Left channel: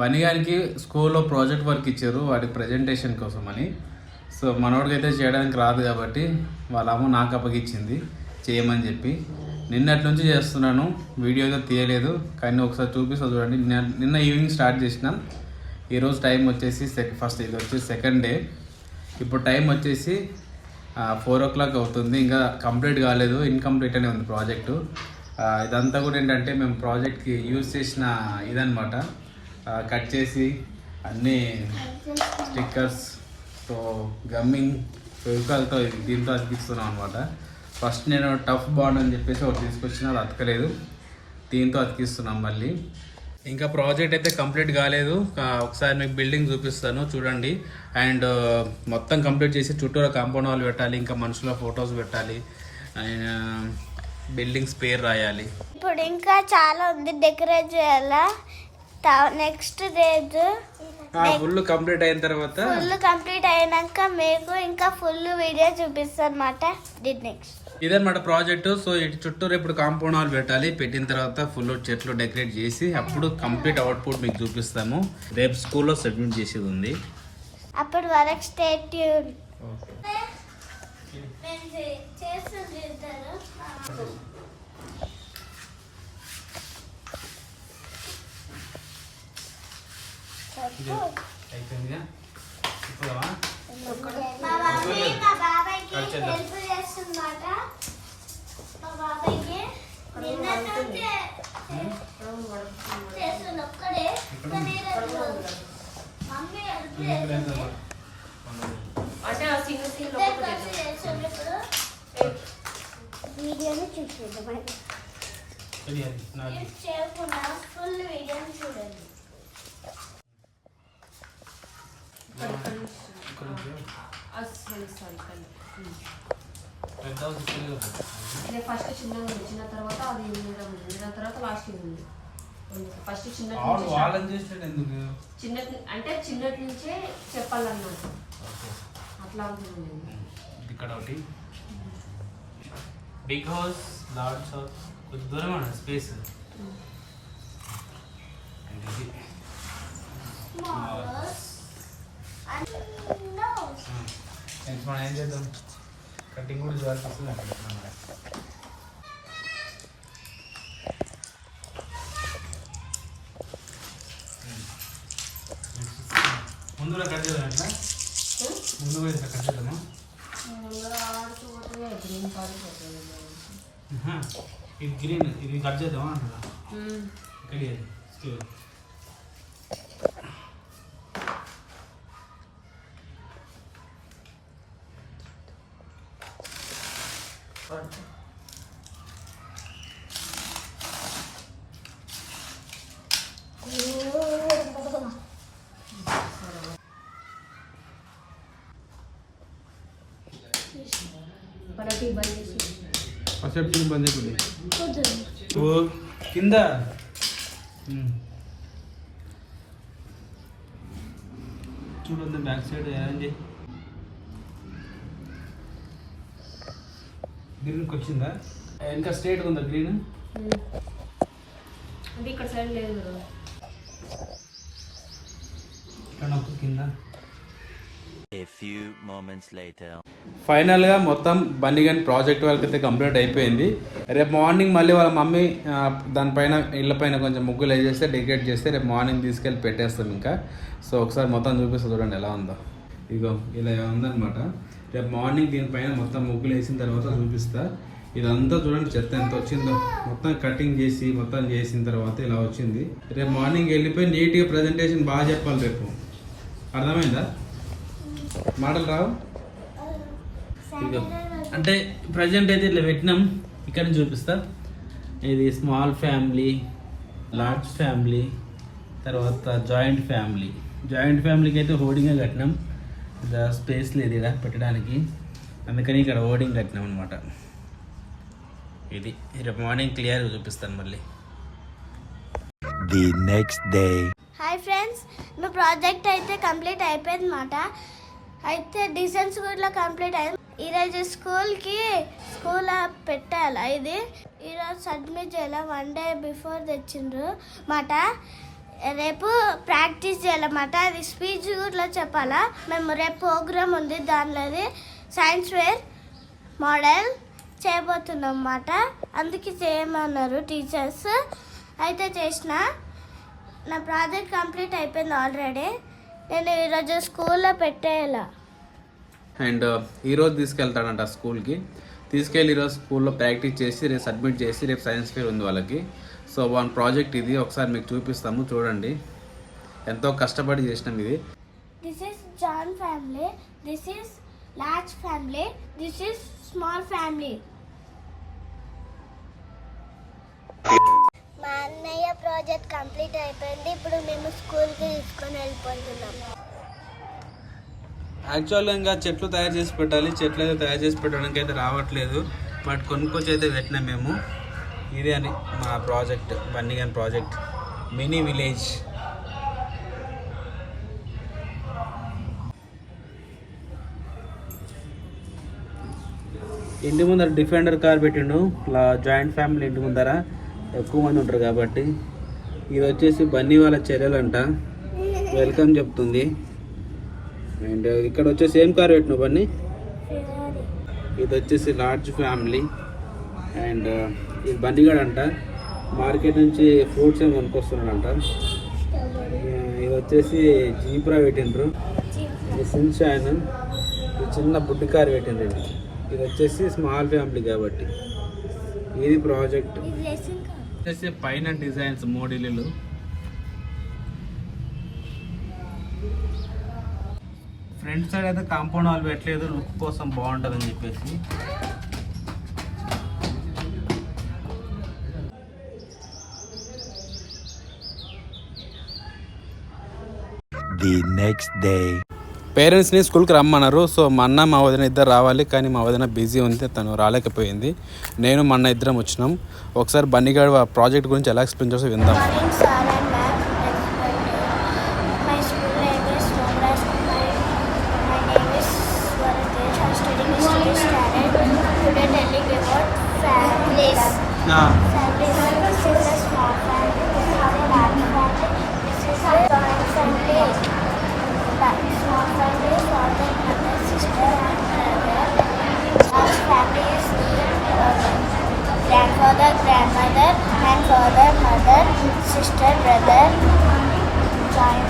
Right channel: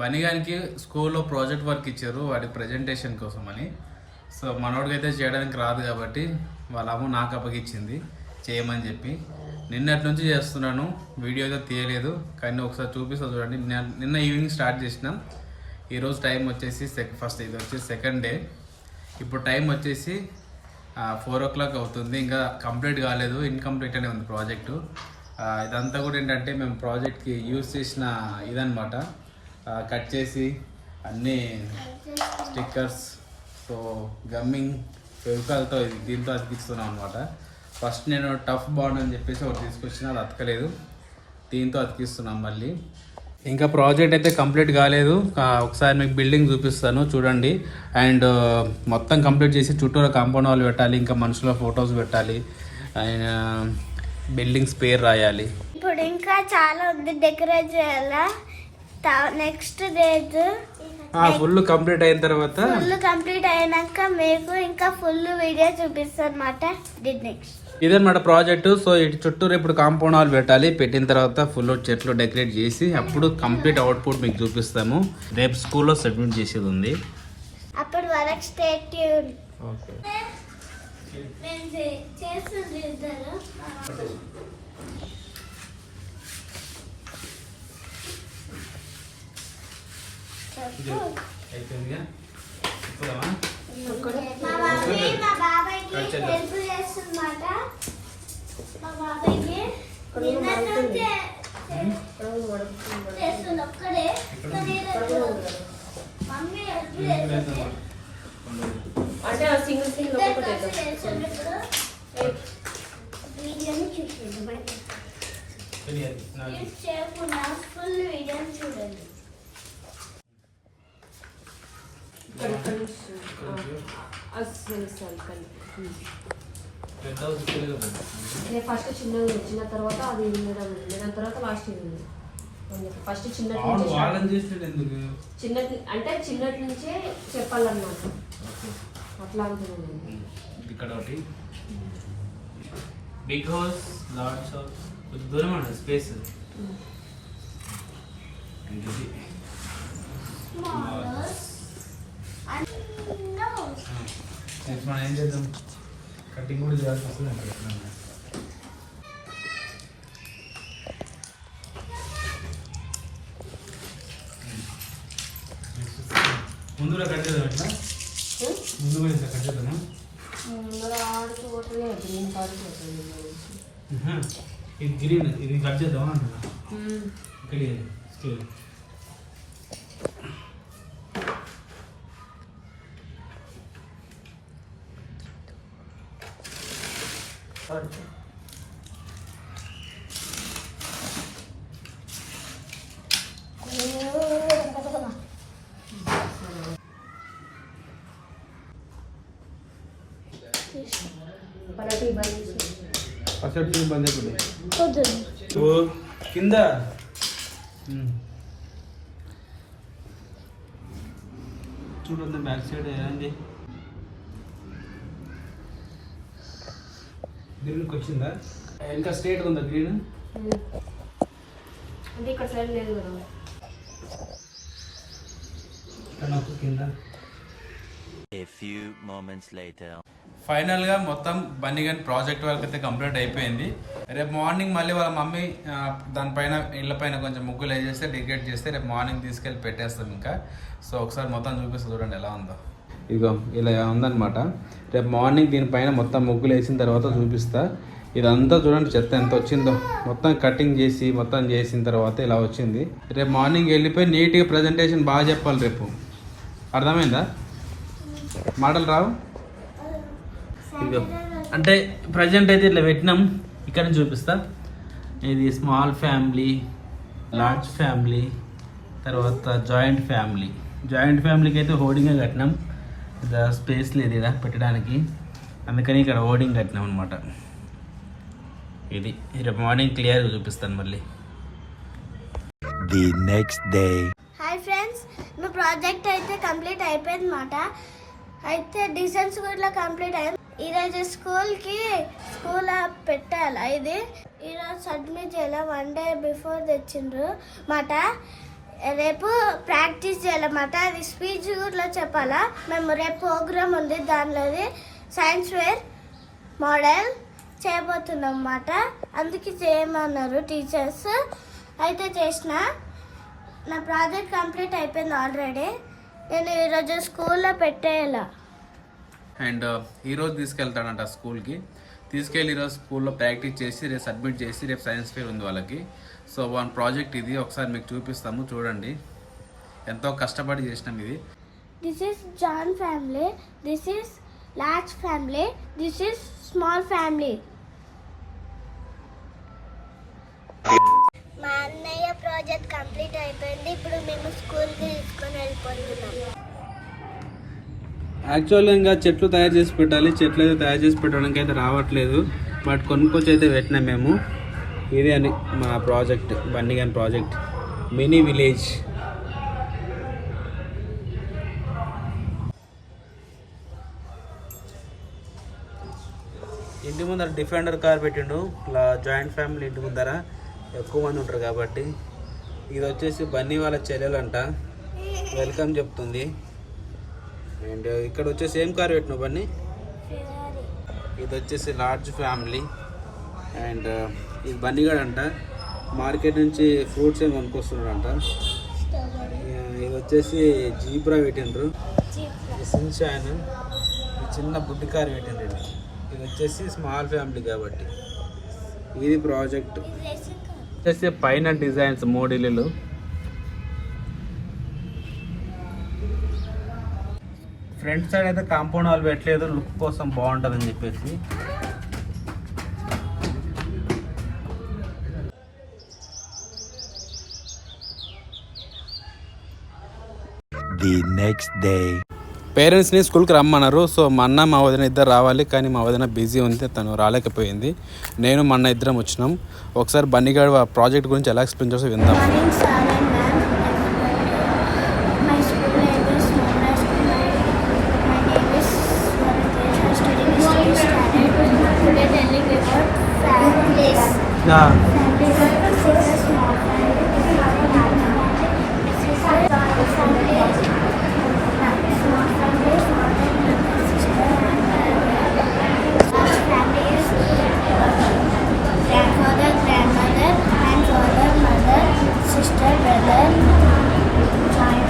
బనిగానికి స్కూల్లో project work ఇచ్చారు వాడి ప్రజెంటేషన్ కోసం అని. సో మనోడికి అయితే చేయడానికి రాదు కాబట్టి వాళ్ళ అమ్మ నాకు అప్పగిచ్చింది చేయమని చెప్పి. నిన్నటి నుంచి చేస్తున్నాను, వీడియో అయితే తీయలేదు కానీ ఒకసారి చూపిస్తా చూడండి. నిన్న ఈవినింగ్ స్టార్ట్ చేసినాం. ఈరోజు టైం వచ్చేసి ఫస్ట్ ఇది వచ్చేసి సెకండ్ డే. ఇప్పుడు టైం వచ్చేసి 4 o'clock అవుతుంది. ఇంకా కంప్లీట్ కాలేదు, ఇన్కంప్లీట్ అనే ఉంది ప్రాజెక్టు. ఇదంతా కూడా ఏంటంటే మేము ప్రాజెక్ట్కి యూజ్ చేసిన ఇదనమాట. కట్ చేసి అన్నీ స్టిక్కర్స్, సో గమ్మింగ్ ఫెవికాల్తో దీంతో అతికిస్తున్నాం అనమాట. ఫస్ట్ నేను టఫ్ బాండ్ అని చెప్పేసి ఒకటి తీసుకొచ్చిన, అది అతకలేదు, దీంతో అతికిస్తున్నాం మళ్ళీ. ఇంకా ప్రాజెక్ట్ అయితే కంప్లీట్ కాలేదు. ఒకసారి మీకు బిల్డింగ్ చూపిస్తాను చూడండి. అండ్ మొత్తం కంప్లీట్ చేసి చుట్టూరా కాంపౌండ్ వాల్ పెట్టాలి, ఇంకా మనుషుల ఫొటోస్ పెట్టాలి, అండ్ బిల్డింగ్స్ పేరు రాయాలి. ఇప్పుడు ఇంకా చాలా ఉంది డెకరేట్ చేయాలా. నెక్స్ట్ డేట్ ఫుల్ కంప్లీట్ అయిన తర్వాత కంప్లీట్ అయినాక మీకు ఇంకా ఫుల్ వీడియో చూపిస్తాను అన్నమాట. నెక్స్ట్ ఇదన్నమాట ప్రాజెక్టు. సో ఇటు చుట్టూరు ఇప్పుడు కాంపౌండ్ వాల్ పెట్టాలి. పెట్టిన తర్వాత ఫుల్ చెట్లు డెకరేట్ చేసి అప్పుడు కంప్లీట్ అవుట్పుట్ మీకు చూపిస్తాము. రేపు స్కూల్లో సబ్మిట్ చేసేది ఉంది. అప్పుడు వరకు స్టేట్ ట్యూన్. మా బాబాయ్కి హెల్ప్ చేస్తున్నమాట. మా బాబాయ్కి చేస్తుంది ఒక్కడే, మమ్మీ హెల్ప్ చేస్తుంది. వీడియోని చూసుకుందాం, ఫుల్ వీడియోని చూడండి. ఫస్ట్ చిన్నగా వచ్చిన తర్వాత అది దాని తర్వాత లాస్ట్ ఫస్ట్ చిన్న అంటే చిన్నటి నుంచే చెప్పాలన్నమాట. అట్లా అనుకున్నాను. ఇక్కడ ఒకటి బిగ్ హౌస్, లాట్స్ ఆఫ్ కొంచెం దూరం అన్న స్పేస్. మనం ఏం చేద్దాం, కటింగ్ కూడా చేయాల్సి వస్తుంది. ముందుగా కట్ చేద్దాం, ఎట్లా ముందుగా ఇట్లా కట్ చేద్దామా? ఇది గ్రీన్, ఇది కట్ చేద్దామా అంటున్నా. ఇక్కడ స్కేల్ టీ బంద్ అయిపోయింది కింద. చూడండి బ్యాక్ సైడ్ ఏంటి గ్రీన్కి వచ్చిందా? ఇంకా స్ట్రేట్గా ఉందా గ్రీన్? అంటే ఇక్కడ సైడ్ లేదు కదా, ఇక్కడ కింద. A few moments later. ఫైనల్గా మొత్తం బన్నిగన్ ప్రాజెక్ట్ వర్క్ అయితే కంప్లీట్ అయిపోయింది. రేపు మార్నింగ్ మళ్ళీ వాళ్ళ మమ్మీ దానిపైన ఇళ్ళపైన కొంచెం ముగ్గులు వేసేస్తే డెకరేట్ చేస్తే రేపు మార్నింగ్ తీసుకెళ్ళి పెట్టేస్తాం ఇంకా. సో ఒకసారి మొత్తం చూపిస్తా చూడండి ఎలా ఉందో. ఇదిగో ఇలా ఉందన్నమాట. రేపు మార్నింగ్ దీనిపైన మొత్తం ముగ్గులు వేసిన తర్వాత చూపిస్తా. ఇదంతా చూడండి చెత్త ఎంత వచ్చిందో. మొత్తం కటింగ్ చేసి మొత్తం చేసిన తర్వాత ఇలా వచ్చింది. రేపు మార్నింగ్ వెళ్ళిపోయి నీట్గా ప్రజెంటేషన్ బాగా చెప్పాలి రేపు. అర్థమైందా? మాటలు రావు. ఇదిగో అంటే ప్రజెంట్ అయితే ఇట్లా పెట్టినాం. ఇక్కడ చూపిస్తా. ఇది స్మాల్ ఫ్యామిలీ, లార్జ్ ఫ్యామిలీ, తర్వాత జాయింట్ ఫ్యామిలీ. జాయింట్ ఫ్యామిలీకి అయితే హోర్డింగే కట్టినాం. ఇలా స్పేస్ లేదు ఇక్కడ పెట్టడానికి, అందుకని ఇక్కడ హోర్డింగ్ కట్టినాం అనమాట. ఇది రేపు మార్నింగ్ క్లియర్గా చూపిస్తాను మళ్ళీ. The next day. Hi friends, మా ప్రాజెక్ట్ అయితే కంప్లీట్ అయిపోయింది అన్నమాట. అయితే డిజైన్స్ కూడా కంప్లీట్ అయింది. ఈరోజు స్కూల్ పెట్టాలి. ఇది ఈరోజు సబ్మిట్ చేయాలి. 1 day బిఫోర్ తెచ్చిండ్రు మాట. రేపు ప్రాక్టీస్ చేయాలన్నమాట. అది స్పీచ్ కూడా చెప్పాలా. మేము రేపు ప్రోగ్రామ్ ఉంది, దానిలోది సైన్స్ వేర్ మోడల్ చేయబోతున్నాం అన్నమాట. అందుకే చేయమన్నారు టీచర్స్. అయితే చేసిన నా ప్రాజెక్ట్ కంప్లీట్ అయిపోయింది ఆల్రెడీ. నేను ఈరోజు స్కూల్లో పెట్టేయాల. అండ్ ఈరోజు తీసుకెళ్తాడంట స్కూల్కి. తీసుకెళ్ళి ఈరోజు స్కూల్లో ప్రాక్టీస్ చేసి రేపు సబ్మిట్ చేసి రేపు సైన్స్ ఫేర్ ఉంది వాళ్ళకి. సో వన్ ప్రాజెక్ట్ ఇది ఒకసారి మీకు చూపిస్తాము, చూడండి. ఎంతో కష్టపడి చేసినాం ఇది. This is John family, this is large family, this is small family. మా అన్నయ్య ప్రాజెక్ట్ కంప్లీట్ అయిపోయింది. ఇప్పుడు మేము స్కూల్కి తీసుకొని వెళ్ళిపోతున్నాం. యాక్చువల్గా ఇంకా చెట్లు తయారు చేసి పెట్టాలి. చెట్లు అయితే తయారు చేసి పెట్టడానికి అయితే రావట్లేదు, బట్ కొనుక్కొచ్చి అయితే పెట్టినాం మేము. ఇది అని మా ప్రాజెక్ట్, బన్నీగన్ ప్రాజెక్ట్ మినీ విలేజ్. ఇంటి ముందర డిఫెండర్ కార్ పెట్టిండు. ఇలా జాయింట్ ఫ్యామిలీ ఇంటి ముందర ఎక్కువ మంది ఉంటారు కాబట్టి. ఇది వచ్చేసి బన్నీ వాళ్ళ చెల్లెలంట, వెల్కమ్ చెప్తుంది. అండ్ ఇక్కడ వచ్చేసి ఏం కార్ పెట్టినావు బన్నీ? ఇది వచ్చేసి లార్జ్ ఫ్యామిలీ. అండ్ ఇది బన్నీగాడు అంట, మార్కెట్ నుంచి ఫ్రూట్స్ ఏమి కొనుక్కొస్తున్నాడంట. ఇది వచ్చేసి జీబ్రా పెట్టిండ్రు. ఇది సిన్షైన్, ఇది చిన్న బుడ్డి కార్ పెట్టిండ్రండి. ఇది వచ్చేసి స్మాల్ ఫ్యామిలీ కాబట్టి. ఇది ప్రాజెక్ట్ వచ్చేసి పైన డిజైన్స్ 3 ఇల్లులు. ఫ్రంట్ సైడ్ అయితే కాంపౌండ్ వాల్ పెట్టలేదు, లుక్ కోసం బాగుంటుందని చెప్పేసి. The next day. పేరెంట్స్ని స్కూల్కి రమ్మన్నారు. సో మా అన్న మా వదిన ఇద్దరు రావాలి, కానీ మా వదిన బిజీ ఉంది, తను రాలేకపోయింది. నేను మా అన్న ఇద్దరం వచ్చినాం. ఒకసారి బన్నీగాడు ప్రాజెక్ట్ గురించి ఎలా ఎక్స్ప్లెయిన్ చేస్తే విందాం. Grandfather, grandmother, and father, mother, sister, brother, joint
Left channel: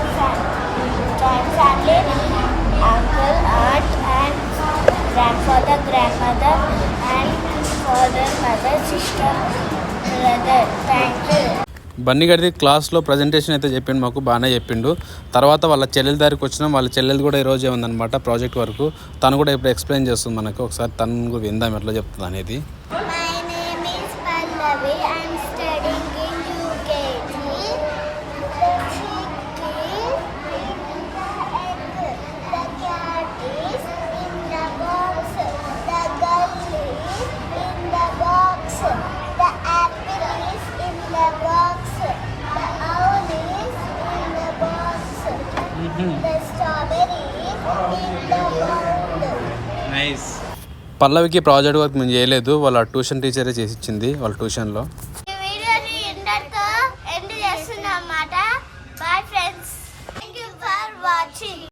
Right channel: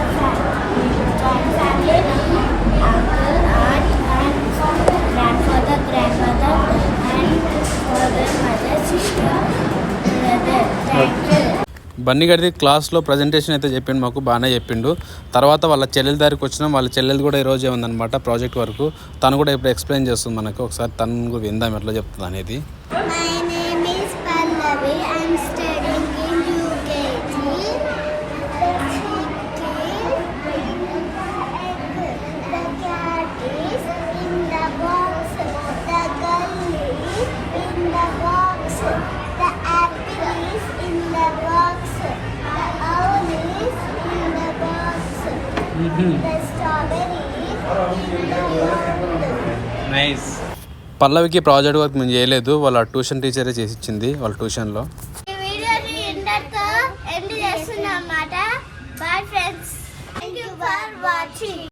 family, uncle, aunt, and grandfather, grandmother, and father, mother, sister, brother. Thank you. బన్నీగాడిది క్లాస్లో ప్రజెంటేషన్ అయితే చెప్పిండు, మాకు బాగానే చెప్పిండు. తర్వాత వాళ్ళ చెల్లెల దగ్గరికి వచ్చినాం. వాళ్ళ చెల్లెలు కూడా ఈరోజే ఉందన్నమాట ప్రాజెక్ట్ వరకు. తను కూడా ఇప్పుడు ఎక్స్ప్లెయిన్ చేస్తుంది మనకు. ఒకసారి తను కూడా విందాం ఎట్లా చెప్తుంది అనేది. I'm studying in UKG. The cat is in the box. The girl is in the box. The apple is in the box. The owl is in the box. The strawberry is in the mound. Nice. పల్లవికి project work మేము చేయలేదు, వాళ్ళ tuition టీచరే చేసి ఇచ్చింది వాళ్ళ ట్యూషన్లో.